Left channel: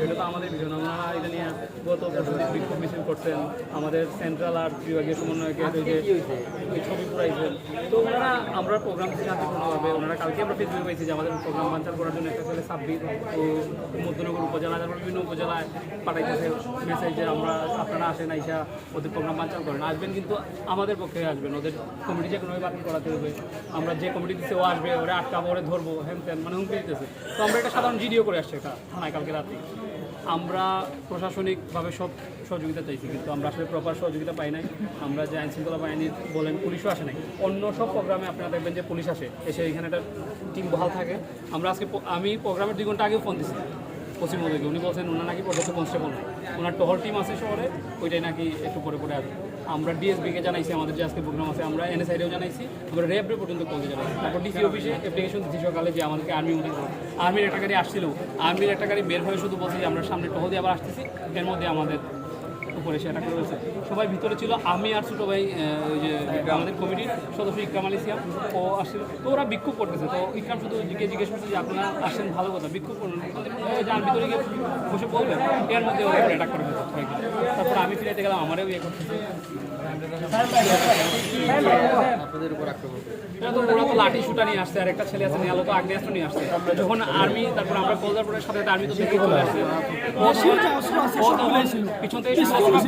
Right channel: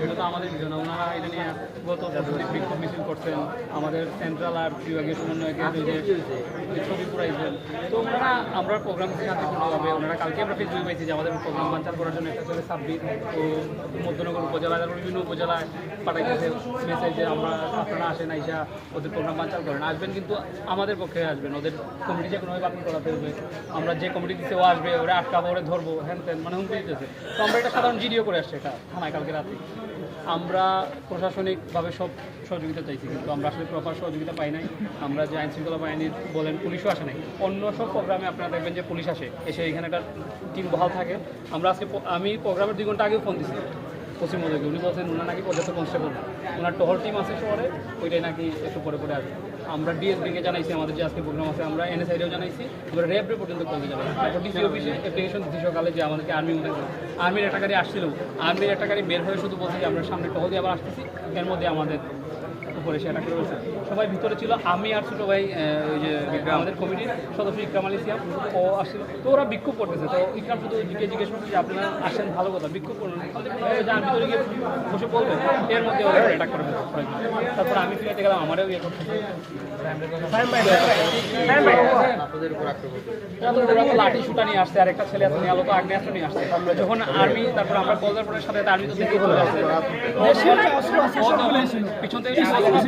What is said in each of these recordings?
সেটা তো আমাদের ওনারা এটা নিয়ে করছেন। আমাদের সেন্ট্রাল ওই ছবি পুরাইছেন। তো ওনারা, আমরা প্রোগ্রাম ওনারা কালকে আমরা যে আমাদের প্রোগ্রাম করার জন্য মধ্যনগর উপজেলা বিভিন্ন উপজেলায় পাঠাইতেছে মেসেজ আমরা, আপনারা আসেন, আইসা ওদের প্রোগ্রাম বাঞ্চাল করেন। আসবেন কিন্তু আমাদের পক্ষে আসবেন। ওদের কমিটি যে কোনোভাবে বাতিল করাতে হবে। আমরা যে কমিটি দিতে ও আসবে, ওরা আটকাবো, ওরে ধরবো, হ্যান ত্যান মানে হুমকি দিতেছে। তো আমরা একটা সাধারণ জিডিও করে আসছি এটা থানায় কালকে রাতে। আমরা প্রশাসনিকভাবে সব সহযোগিতা চাইছি, কিন্তু আমরা আসলে প্রপার সহযোগিতা পাই নাই। আমরা যে আইন শৃঙ্খলা বাহিনীর বলেন পুলিশও আসে নাই। অন্য সব প্রোগ্রামে আপনারা দেখবেন যে পুলিশ আসে, এসে এখানে একটা টিম বহাল থাকে। আমরা আজকে আমি প্রোগ্রামের দুই ঘণ্টা আগেও ফোন দিচ্ছি পশ্চিমবঙ্গে উনি বলছেন, ওনার নাকি পর্যাপ্ত কনস্টেবল ওনার টহল টিম আছে শহরে, ওইটাই নাকি একটু পরে পরে আসবে। আমরা ডিএসবিকে জানাইছি, আমাদের যে আজকে প্রোগ্রাম আছে, আমরা এনএসআইডিও জানাইছি, আমরা র্যাবরে পর্যন্ত কলতে জানাইছি তারপর ডিসি অফিসে অ্যাপ্লিকেশন দিচ্ছি সকালে যে আমাদেরকে আর্মি উঠে আর্মির একটা গাড়ি আসছিল। আর্মির একটা গাড়ি বের হয়ে শুধু বলছে যে আমরা সামনে টহল দিয়ে আবার আসতেছি, এর মধ্যে আমাদের উপরে সেটা করে রয়েছে। সবাই ভিতরে ছিল। আমি আর ছোটো ভাই ওই যে আমাদের কমিটির সদস্য ইকরাম আলী সিয়াম ও আসছিল। তো ওরা বিক্ষোভ করতেছে। তো ইকরাম শুধু জিজ্ঞেস জিজ্ঞেস করছে যে আপনারা আসেন ভালো কথা বিক্ষোভ শান্তিপূর্ণভাবে যান ভিতরে গিয়ে বসে বলবেন এর মধ্যে ওরা অ্যাটাক করে কয়েকজন। তারপর আমি ফিরে গেলাম আমারও ইয়ে করতেছে। ওরা তো লাঠি সুটা নিয়ে আসছে আর একটা ছেলে আছে নিয়ে আলো তো আগ্নেয়াস্ত্র নিয়ে আসছে। যখন আর্মি তারপর আমরা কলজারপুরের সাথে আর্মি তো দেখে চলে আসছে। তখন পিছন থেকে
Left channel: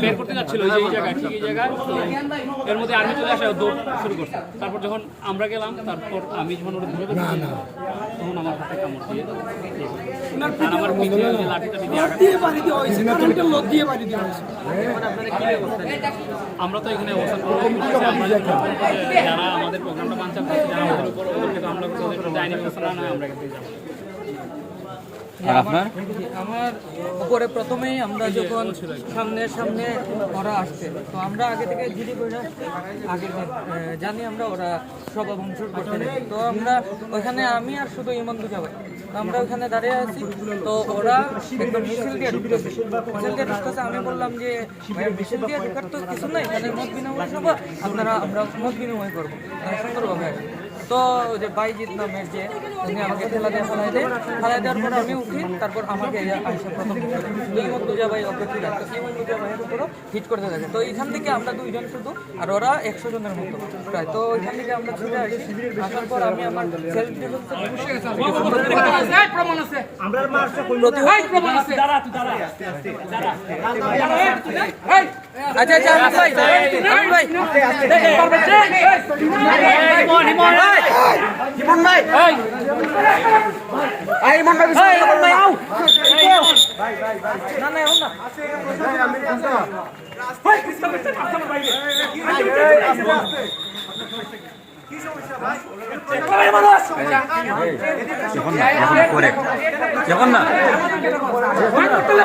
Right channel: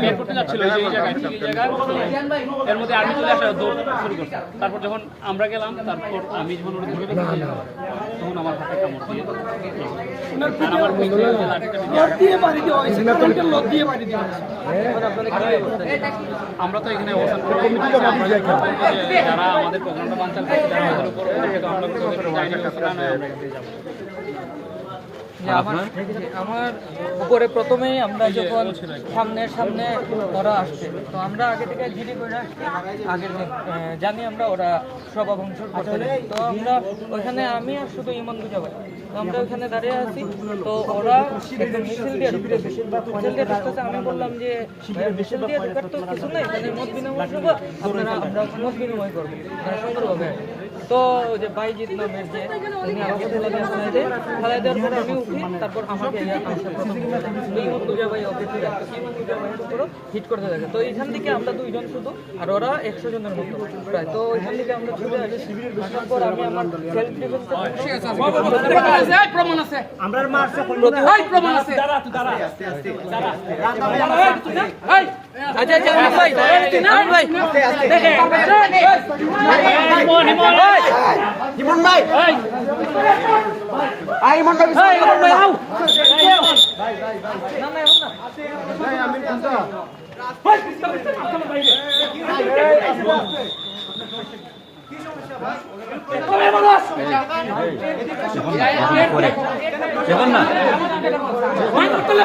বের করতে যাচ্ছিল যে এই জায়গায় এই জায়গায় এর মধ্যে আর্মি চলে আসে দৌড় শুরু করছে। তারপর যখন আমরা গেলাম তারপর আমি যখন ওরা ধরে তখন আমার হাতে কামড় দিয়ে আর আমার তো এখানে অবস্থান করে যারা আমাদের প্রোগ্রামটা করছে যারা আমাদের উপর আমরা করছি, ওদের আইনি ব্যবস্থা না আমরা এখান থেকে যাব। যে আমার উপরে প্রথমেই আমরা যখন সামনের সামনে ওরা আসছে। তো আমরা আগে থেকে জিডি করে আসছি। দিন জানি আমরা ওরা সভা ভংসর করতে তো আমরা ওইখানে আমি আর শুধু ইমন দুজা ভাই। তো আমরা ওইখানে দাঁড়িয়ে আছি। তো ওরা একদম মিছিল দিয়ে ঢুকতেছে। মিছিল দিয়ে ঢুকতেছে আমি বললাম যে ভাইয়া মিছিল দিয়ে ঢুকার তো কিছু নেই। এখানে মত বিনিময় সভা। আপনারা আমরা মত বিনিময় করব। সুন্দরভাবে আসেন। তো ওই যে বাইজিৎ নামের যে উনি আমাকে ঠেলা দিয়ে ফেলাই দেয় ফেলাই দেওয়ার পর আমি উঠি তারপর আমাকে আসে প্রথম করে। তো ভাই ওকে ফিরে তো ইমন দুজা ভাইয়ের উপরও হিট করতে থাকে তো এইখান থেকে আমরা দুইজন শুধু আর ওরা একশো জনের মতো প্রায় তো ওইখান থেকে আমরা ছুটে আসি আসার পর আমি আমার সেলফ আচ্ছা আচ্ছা ভাই আমি ভাই। না? না এখন না আপনারা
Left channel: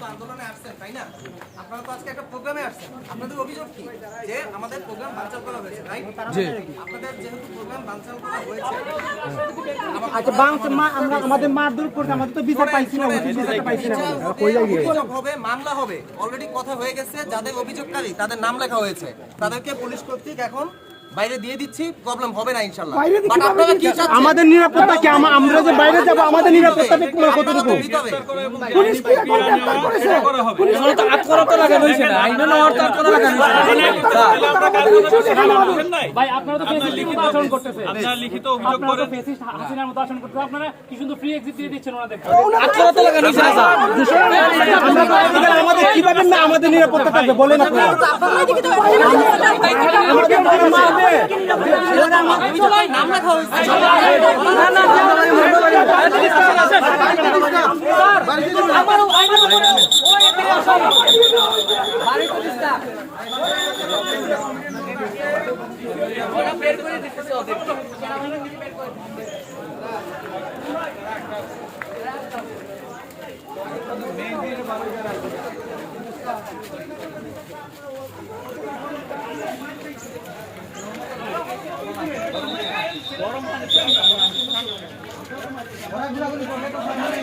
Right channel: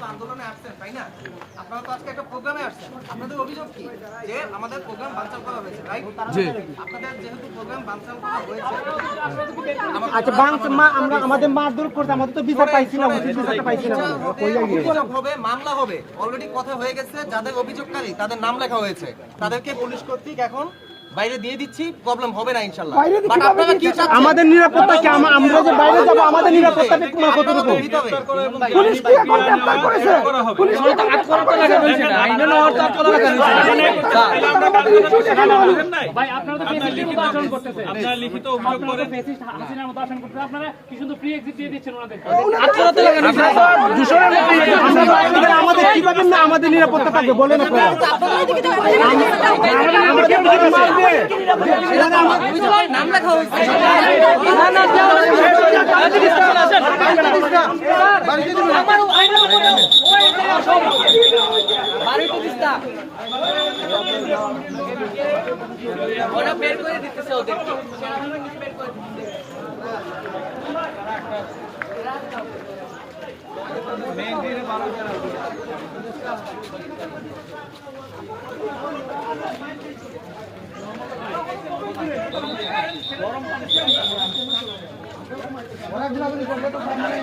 তো আন্দোলনে আসছেন তাই না আপনারা তো আজকে একটা প্রোগ্রামে আসছেন আপনাদের অভিযোগ কি যে আমাদের প্রোগ্রাম বানচাল করা হয়েছে রাইট আপনাদের যেহেতু প্রোগ্রাম বানচাল করা হয়েছে আচ্ছা বাংস আমরা আমাদের মারধর করতে আমাদের তো বিচার পাইছি না উচিত বিচারটা পাইছি না। হবে মামলা হবে। অলরেডি কথা হয়ে গেছে যাদের অভিযোগকারী তাদের নাম লেখা হয়েছে। তাদেরকে পুলিশ কর্তৃক এখন বাইরে দিয়ে দিচ্ছি প্রবলেম হবে না ইনশাল্লাহ বাট আপনারা কি? কি চাচ্ছেন? আমাদের নিরাপত্তা কি আমা- আমরা যে বাইরে যাব আমাদের নিরাপত্তাটা তোমার আপনারা কতটুকু হবে। পুলিশ কি এখন গ্রেফতার করেছে? পুলিশ কি এখন গ্রেফতার করেছে? আমাদের ইচ্ছুক এখানে মানুষ। ভাই আপনারা তো ফেসিস্টের মতো আচরণ করতেছে। আপনারা লিখিত অভিযোগ আপনারা ফেসিস্ট হাসিনার মতো আচরণ করতেছে। আপনারা কি শুধু ফ্রি এক্সিট দিয়ে দিচ্ছেন ওনাদেরকে আমরা বাইরে গেলে আমাদের কীভাবে না? আমাদের নিরাপত্তা থাকবে। বলেন আপনারা। আমাদের নাম লেখা হয়েছে আমার ありがとうござい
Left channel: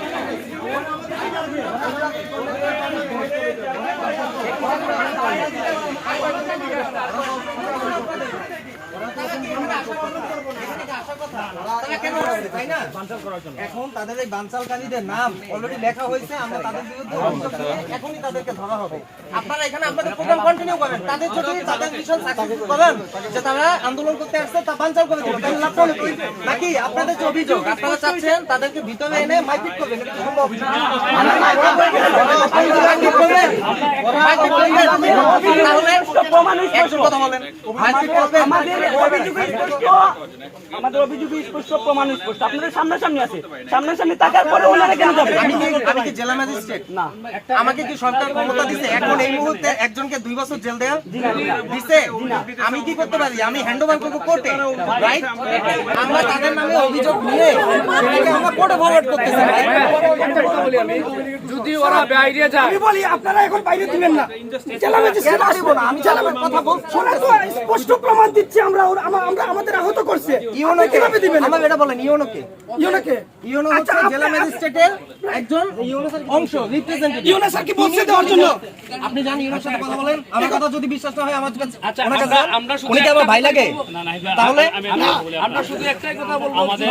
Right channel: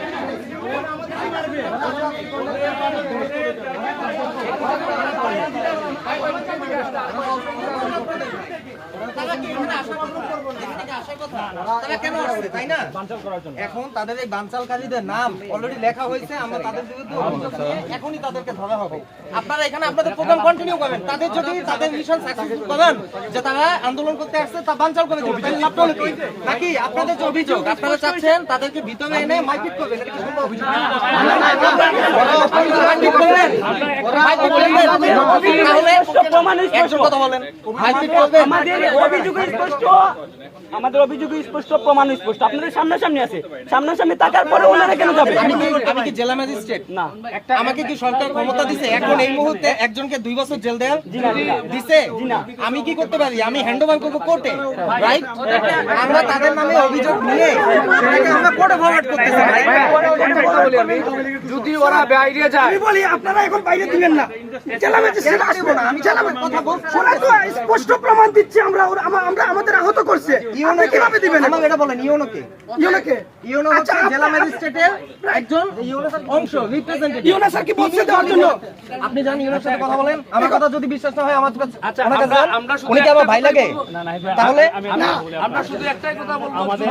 ます。এখানে তাদের এই বানচালকারীদের নাম অলরেডি লেখা হয়েছে আমরা তাদের বিরুদ্ধে অভিযোগ নিয়ে এখনই তাদেরকে ধরা হবে আপনারা এখানে আপনাদের প্রোগ্রাম কন্টিনিউ করেন তাদের যদি তাদের মিশন সাকসেসফুল করেন যে তারা আন্দোলন করতে আসছে তা বানচাল করে তাহলে লাভ নাকি আপনাদের যে অভিযোগ আপনারা চাচ্ছেন তাদেরকে ভিতরে এনে মাইকিট এটা কি সম্ভব? করবেন আমাদের অভিযোগ স্পষ্ট। আমাদের অভিযোগ স্পষ্ট প্রমাণ স্পষ্ট। আপনাদের সামনাসামনি আছে। সামনাসামনি থাকার পরে ওনারা কেন যাবে আমি কি জেলা ম্যাজিস্ট্রেট? না। আমাকে কি সরকার ক্ষমতা দিছে? এখন এই মুহূর্তে একজনকে দুই বছর জেল দেওয়ার দিছে? আমি কি করতে পারি? আমি হ্যান্ড ওভার করব কোর্টে রাইট আমরা তাদের নামে অভিযোগ নিয়ে আমরা কোর্টে ফরওয়ার্ড করতেছি। যদি ওরা বাইরে যায় আমি বলি আপনারা এখন বাইরে দিবেন না। জেলা ম্যাজিস্ট্রেট কেন দিব না? আমি তো কথা বলছি। ওরা তো স্পষ্ট প্রমাণ দিচ্ছে আমরা আমরা আমাদের আহত করছে। ইউনো দিবেন? আমার এটা বলেন ইউনো কে ইউনাকে হচ্ছে জেলা ম্যাজিস্ট্রেটের একজন অংশ রিপ্রেজেন্টেটিভ ইউনা স্যার কি বলছে দেওয়ার জন্য? আপনি জান ইউনোর সাথে কথা বলেন। আমার কথা যদি বিশ্বাস না হয় আমার কাছে আচ্ছা আমরা শুধু কি আমার ভাই লাগে? না না তাহলে? আমরা শুধু একটাই কথা বলব। আমাদের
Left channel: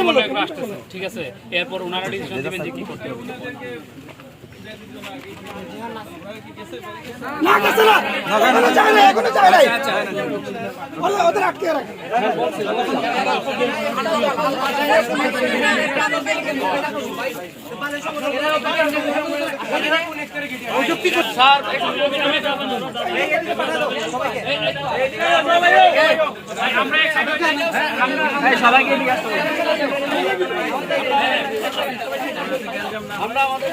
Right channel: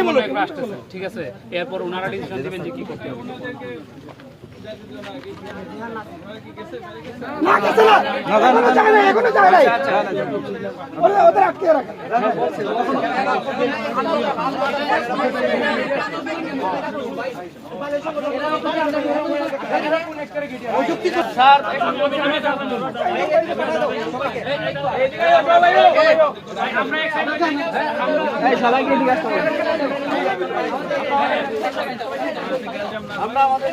আমাদের ঠিক আছে এরপর ওনারা ডিসিশন দিবেন যে কি করতে হবে ওদের আটকে রাখেন আমরা আমাদের